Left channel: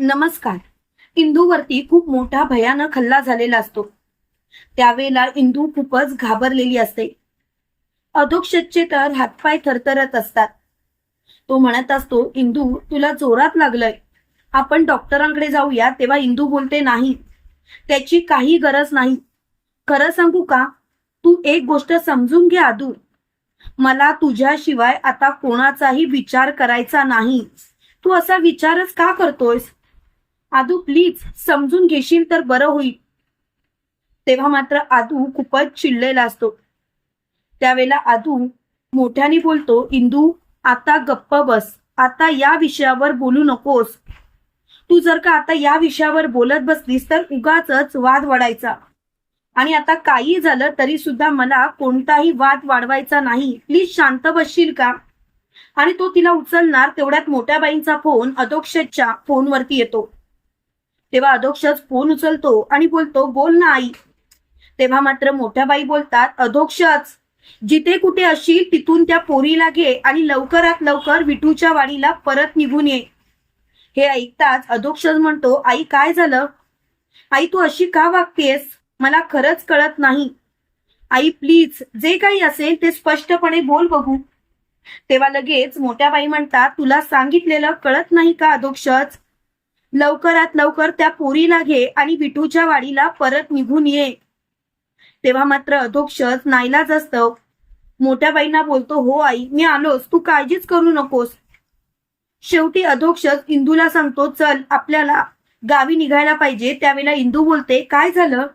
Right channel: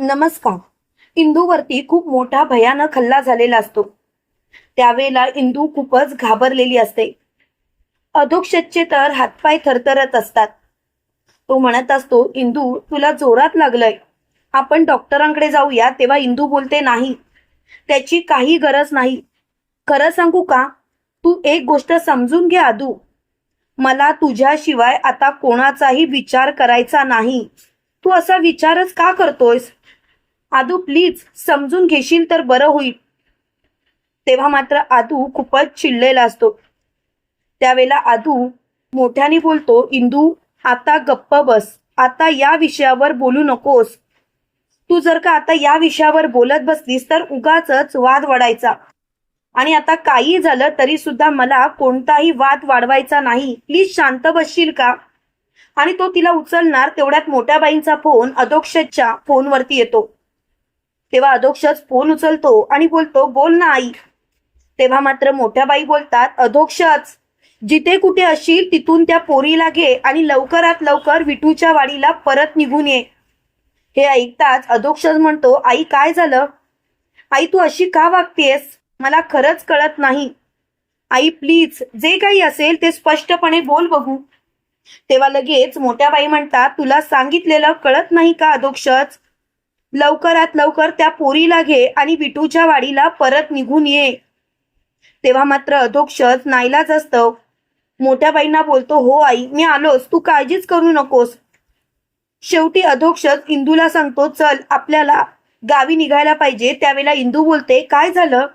नमस्कार. इंदूवरती खूप मोठा भयानक हल्ला झालेला असतो. त्यावेळेला इंदू खूपच घाबरलेली असते. अधोक्षजचे तर हातपाय थरथरत असतात. तो म्हणत असतो, इंदू तुला जोरात लागलंय, आपण डॉक्टरांकडे जाऊया. तेव्हा इंदू बोलते, नाही, त्याची काही गरज नाही. खरं सांगू का, तू एक गोष्ट समजून घे आदू, मला तुझ्याशिवाय आता कोणाचाही विचार करायचा नाही. तू असा विचारच का करतोयस? आदू प्लीज समजून घेशील तर बरं होईल. तेव्हा मात्र आदू खूपच चिडलेला असतो. त्यावेळेला आदू मोठ्याने बोलतो, इंदू आता गप्प बस, आता या विषयावर बोलू नकोस. तू जर का आता या विषयावर बोलत बसलीस तर उगाचच वाद वाढायचा. आणि आता काही झालं तरी सुद्धा मला कोणताही वाद वाढवायचा नाही. प्लीज शांत बसशील का? आणि तो तिला उचलणार तेवढ्यात मोठ्या बाईंचा फोन अधोक्षजच्या फोनवरती येतो. तेव्हा अधोक्षज फोन उचलतो आणि बोलतो, बोल ना आई. तेव्हा मात्र मोठ्या बाई बोलतात, अधोक्षज जिथे कुठे असशील तिथून त्या पोरीला घे आणि लवकरात लवकर विठूच्या वाडीला परत निघून ये. हे ऐकताच अधोक्षज म्हणतो, आई काय झालं? आई तू अशी का वागतेस? मला खरंच कळत नाही. आई प्लीज जे काही असेल ते स्पष्टपणे बोल बघू. तेव्हा लगेच मोठ्या बाई म्हणतात, तुला सांगितलेलं कळत नाही का अधोक्षज? लवकरात लवकर त्या पोरीला घे आणि विठूच्या वाडीला परत निघून ये. तेव्हा मात्र अधोक्षज नाईलाज असतं मोठ्या बाईंना बोलतो, हो आई मी आलोच, तू काळजीच करू नकोस. शेवटी अधोक्षज इंदूला सांगतो, चल आपल्याला गावी निघायला पाहिजे. त्यावेळेला इंदू बोलते, काय झालं?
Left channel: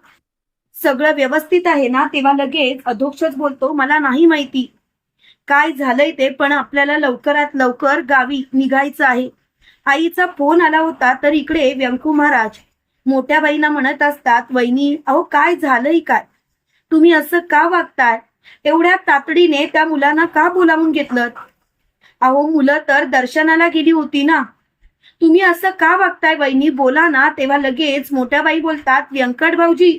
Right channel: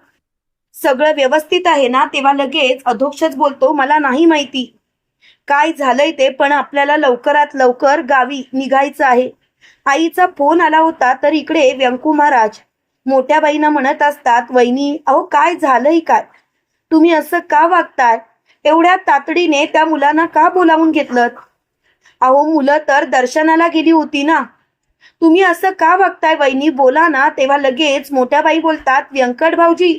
सगळं व्यवस्थित आहे ना? तेव्हा लगेच अधोक्षज बोलतो, मला नाही माहिती काय झालंय ते, पण आपल्याला लवकरात लवकर गावी निघायचं आहे. आईचा फोन आला होता तर इकडे व्यंकू महाराज मोठ्या बाईंना म्हणत असतात, वहिनी अहो काय झालंय काय? तुम्ही असं का वागताय? एवढ्या तातडीने त्या मुलांना का बोलावून घेतलं? अहो मुलं तर दर्शनाला गेली होती ना. तुम्ही असं का वागताय वहिनी, बोला ना. तेव्हा लगेच मोठ्या बाई बोलतात, व्यंकट भाऊजी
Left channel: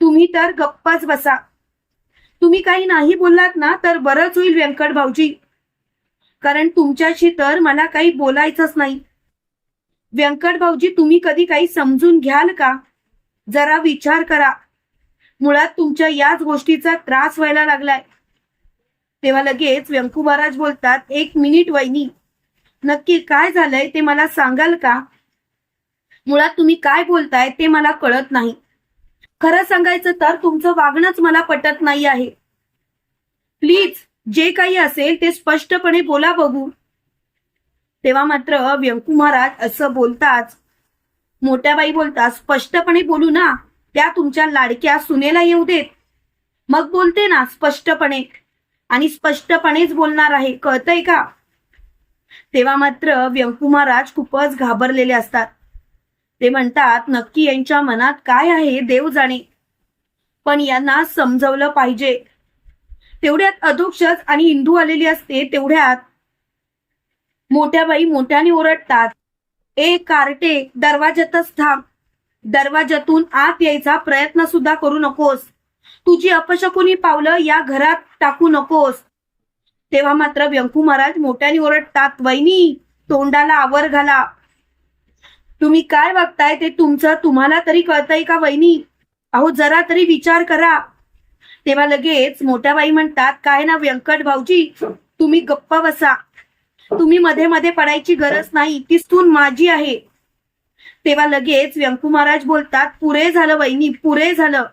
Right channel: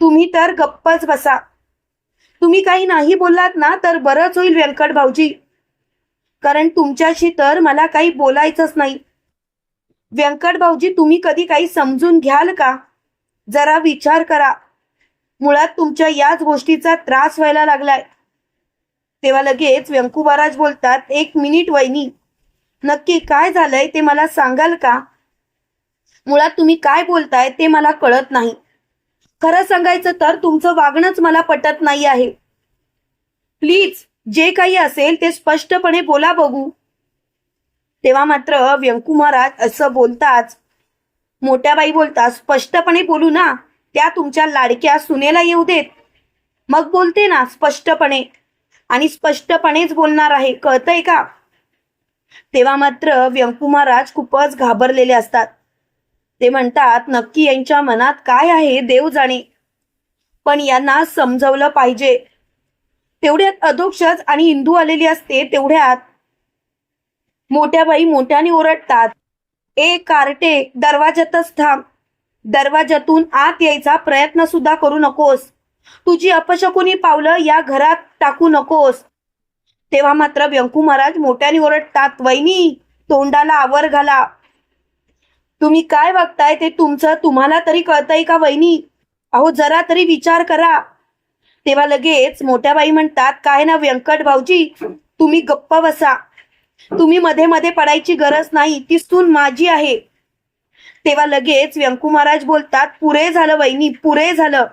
तुम्ही तर गप्पच बसा. तुम्ही काही नाही बोललात ना तर बरंच होईल व्यंकट भाऊजी, कारण तुमच्याशी तर मला काही बोलायचंच नाही. व्यंकट भाऊजी तुम्ही कधी काही समजून घ्याल का? जरा विचार करा. मुळात तुमच्या याच गोष्टीचा त्रास व्हायला लागलाय. तेव्हा लगेच व्यंकू महाराज बोलतात, एक मिनिट वहिनी, नक्की काय झालंय ते मला सांगाल का? मुळात तुम्ही काय बोलताय ते मला कळत नाही. खरं सांगायचं तर तुमचं वागणंच मला पटत नाही आहे. प्लीज जे काही असेल ते स्पष्टपणे बोला बघू. तेव्हा मात्र व्यंकू महाराज असं बोलताच मोठ्या बाई बोलतात, स्पष्टपणे बोलू ना, त्या तुमच्या लाडक्या सुनेला येऊ देत, मग बोलते ना स्पष्टपणे, आणि स्पष्टपणेच बोलणार आहे, कळतंय का? तेव्हा मात्र व्यंकू महाराज खूपच घाबरलेले असतात. ते म्हणतात, नक्की यांच्या मनात काय आहे देव जाणे, पण यांना समजवलं पाहिजे. तेवढ्यात अधोक्षज आणि इंदू आलेली असते. तेवढ्यात मोठ्या बाई मोठ्याने ओरडतात, ए कार्टे दरवाज्यातच थांब, दरवाज्यातून आत यायचा प्रयत्न सुद्धा करू नकोस. तुझी अपशकुनी पावलं या घरात टाकू नकोस. तेव्हा मात्र व्यंकू महाराज मोठ्याने ओरडतात, वहिनी तोंडाला आवर घाला. तुम्ही काय वागताय ते तुमचं तुम्हाला तरी कळतंय का वहिनी? अहो जरा तरी विचार करा. तेव्हा लगेच मोठ्या बाई म्हणतात, काय ना व्यंकट भाऊजी तुम्ही गप्प बसा. तुम्ही मध्ये मध्ये पडायची गरज नाही, ती सून माझी आहे. तेव्हा लगेच व्यंकू महाराज बोलतात, पुरे झालं वहिनी, पुरे झालं.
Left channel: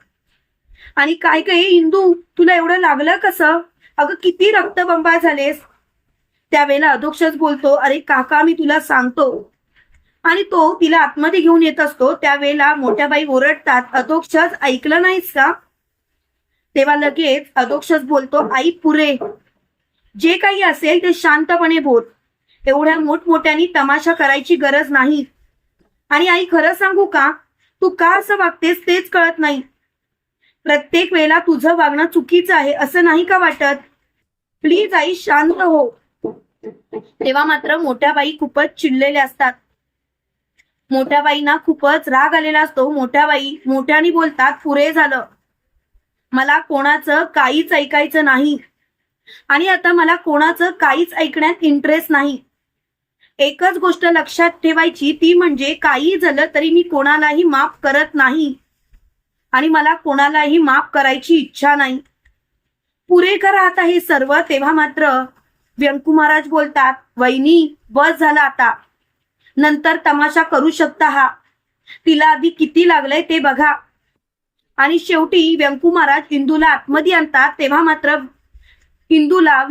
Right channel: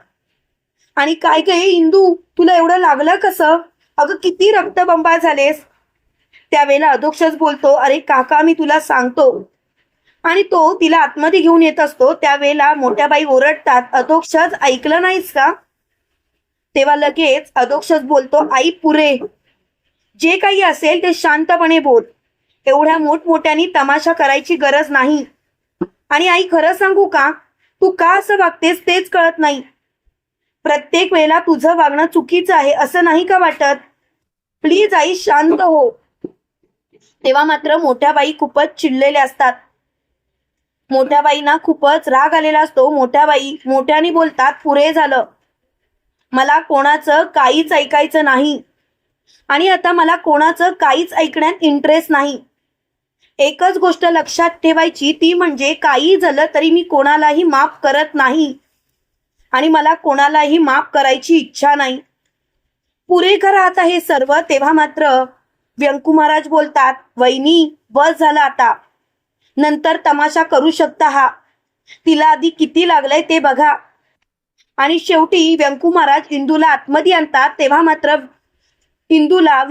आणि काय काय इंदू तुला एवढं लागलं कसं? अगं किती रक्तबंबाळ झालेस. त्यावेळेला अधोक्षज बोलतो, अरे काका मी तुला सांगतो. आणि तो तिला आतमध्ये घेऊन येत असतो. त्यावेळेला मोठ्या बाई ओरडतात, अधोक्षज ऐकलं नाहीस का? तेव्हा लगेच अधोक्षज बोलतो, आई पुरे, जे काही असेल ते शांतपणे बोल. एवढ्या मोठमोठ्यानी तमाशा करायची गरज नाही. आणि आई खरं सांगू का, तू का असं वागतेस तेच कळत नाही. प्रत्येक वेळेला तुझं वागणं चुकीचं आहे असं नाही का वाटत? प्लीज आई शांत हो. तेव्हा मात्र मोठ्या बाई खूपच चिडलेल्या असतात. मोठ्या बाईंना खूपच राग आलेला असतो. मोठ्या बाई मोठ्याने बोलतात, पुरे झालं, मला कोणाचं काहीच ऐकायचं नाही. आणि आता मला कोणाचं काहीच ऐकण्यात इंटरेस्ट नाही. एकच गोष्ट लक्षात ठेवायची, ती म्हणजे काही झालं तरी मी कोणालाही माफ करत नाही आणि मला कोणालाही माफ करायची इच्छा नाही. पुरे करा आता हे सर्व. तेव्हा मात्र व्यंकू महाराज बोलतात, वहिनी बस झाला आता, नंतर तमाशा करू शकता हा. तिला आधी किती लागलंय ते बघा. आणि शेवटी व्यंकू महाराज इंदूला आतमध्ये आणतात. तेव्हा मात्र इंदूला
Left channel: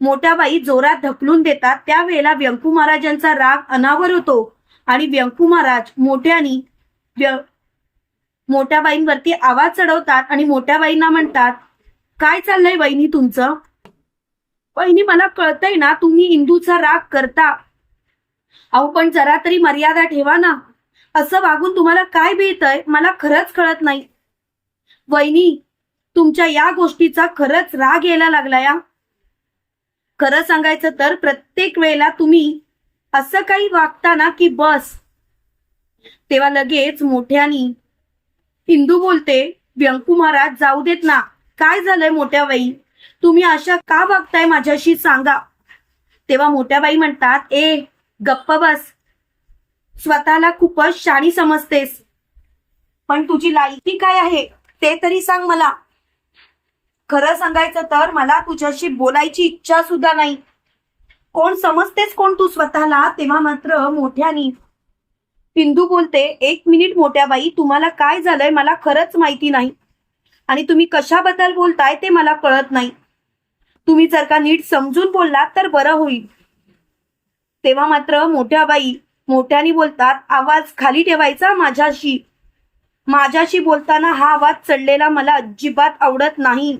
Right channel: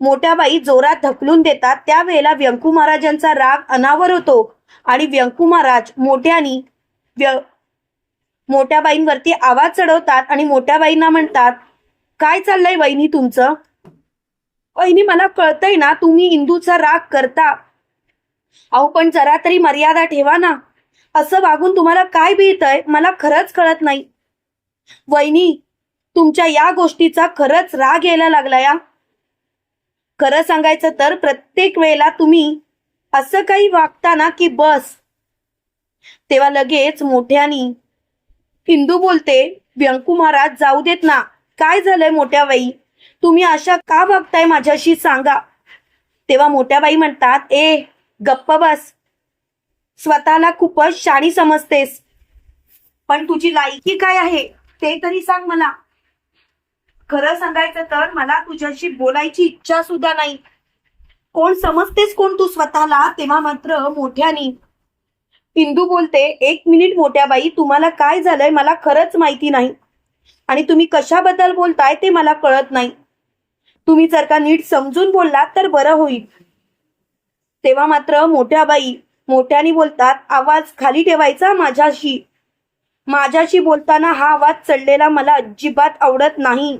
मोठ्या बाई जोरात ढकलून देतात. त्यावेळेला व्यंकू महाराजांचा राग अनावर होतो आणि व्यंकू महाराज मोठ्या बाईंवरती आवाज चढवतात आणि मोठ्या बाईंना म्हणतात, काय चाललंय वहिनी तुमचं? वहिनी मला कळतंय ना तुम्ही इंदूचा राग करता, अहो पण जरा तरी मर्यादा ठेवा ना. असं वागून तुम्हाला काय मिळतंय मला खरंच कळत नाही. वहिनी तुमच्या या गोष्टीचा खरंच राग यायला लागला या. खरं सांगायचं तर प्रत्येक वेळेला तुम्ही असं काही वागता ना की बस. तेव्हा लगेच मोठ्यानी इंदू बोलते, व्यंकू महाराज जाऊ देत ना. काय झालंय मोठ्या बाई, तुम्ही अशा का वागताय माझ्याशी सांगा. तेव्हा मोठ्या बाई म्हणतात, ए गप्प बस, स्वतःला खूपच शाणी समजतेस, पण तुझी लायकी काय आहे ते तरी सांग मला. खरं सांगायचं तर मला तुझ्याशी बोलायची इच्छा सुद्धा नाही. कोण समजतेस कोण तू स्वतःला. तेव्हा मात्र मोठ्यानी इंदू बोलते, एक मिनिट मोठ्या बाई, तुम्हाला काय झालंय मला खरंच माहिती नाही आणि तुम्ही कशाबद्दल बोलताय ते मला कळत नाही. तुम्ही जर का नीट समजून बोललात तर बरं होईल. तेव्हा मात्र मोठ्या बाई मोठ्यानी बोलतात, आवाज खाली ठेवायचा. माझ्याशी बोलताना हा आवाज चढलेला मला अजिबात आवडत नाही.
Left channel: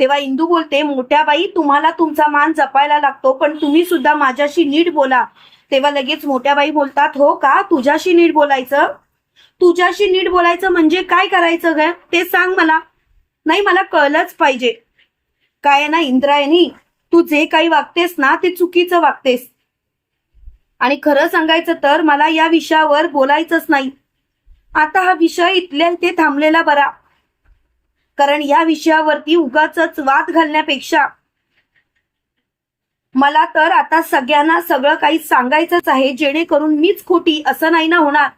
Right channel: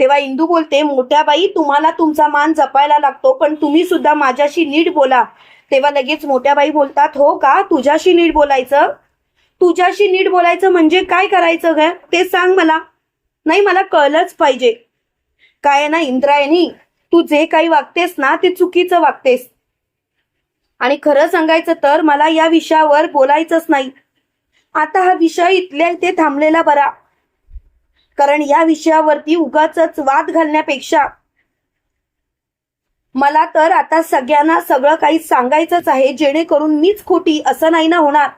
तेव्हा इंदू बोलते, मोठ्या बाई तुम्हाला तुमचा मान जपायला लागतो, पण तुम्ही सुद्धा माझ्याशी नीट बोला. तेव्हा लगेच मोठ्या बाई बोलतात, हो का, तुझ्याशी नीट बोलायचं? तुझ्याशी नीट बोलायचं म्हणजे काय करायचं ग ते सांग मला. नाही मला कळलंच पाहिजे. काय ना इंद्रायणी, तू जे काही वागतेस ना ते चुकीचं वागतेस आणि खरं सांगायचं तर मला या विषयावर बोलायचंच नाही. आता हा विषय इथल्या इथे थांबलेला बरा, कारण या विषयावरती उगाचच वाद घालण्यापेक्षा मला तर आता सगळ्यांना सगळं काही सांगायचंच आहे, जेणेकरून मीच खोटी असं नाही ना होणार.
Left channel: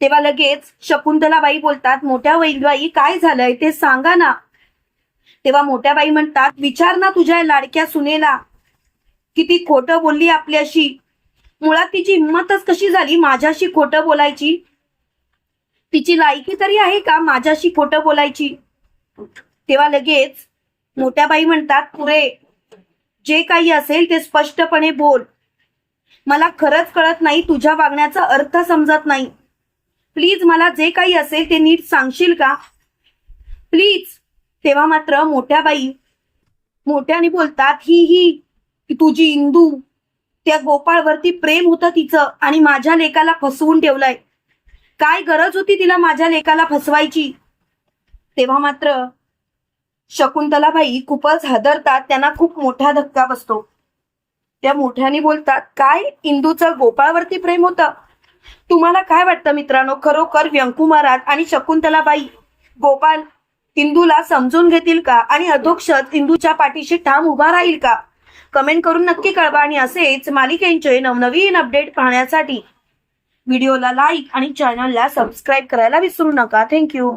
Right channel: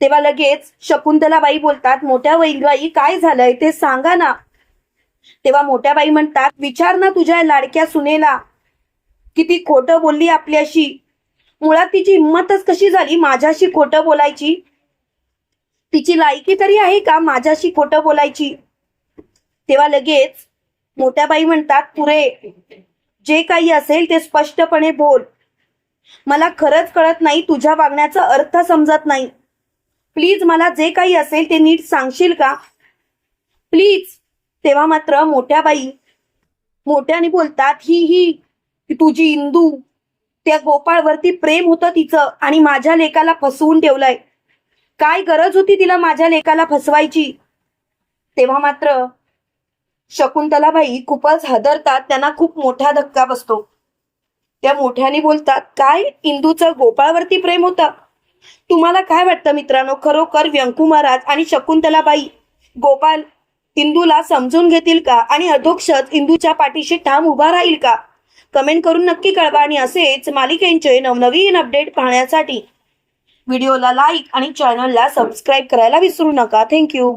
तेव्हा लगेच शकुंतलाबाई बोलतात, मोठ्या बाई काय झालंय ते सांगा ना. तेव्हा मोठ्या बाई म्हणतात, विचार ना तुझ्या लाडक्या सुनेला, किती खोटं बोलली आपल्याशी. मुळात तिची हिंमतच कशी झाली माझ्याशी खोटं बोलायची. तिची लायकी तरी आहे का माझ्याशी खोटं बोलायची. तेव्हा लगेच मोठ्या बाई म्हणतात, पुरे जे काही असेल ते स्पष्टपणे बोल. मला खरंच कळत नाही, तुझ्या वागण्याचा अर्थ समजत नाही. प्लीज मला जे काही असेल ते नीट सांगशील का प्लीज. तेव्हा मात्र मोठ्या बाई मोठ्याने बोलतात, ही तुझी इंदू, त्या गोपाळवरती प्रेम होतं तिचं आणि माझ्या लेकाला फसवून ठेवलंय. काय गरज होती तिला माझ्या लेकाला फसवायची. तेव्हा मात्र शकुंतलाबाई खूपच हादरतात, त्यांना खूप मोठा धक्का बसतो. त्या मोठ्याने बोलतात, काय इंदूचं गोपाळवरती प्रेम होतं. तुम्हाला काय वाटतं मित्रांनो, खरोखर व्यंकू महाराज आणि शकुंतलाबाई गोपाळ इंदूला समजून घेतील का आणि अधोक्षज इंदूच्या पाठीशी ठाम उभा राहील का? कमेंट करून नक्की कळवा आणि असेच मालिकेंचे नवनवीन अपडेट पाहण्यासाठी व्हिडिओला लाईक आणि चॅनलला सबस्क्राईब करायला विसरू नका. थँक्यू.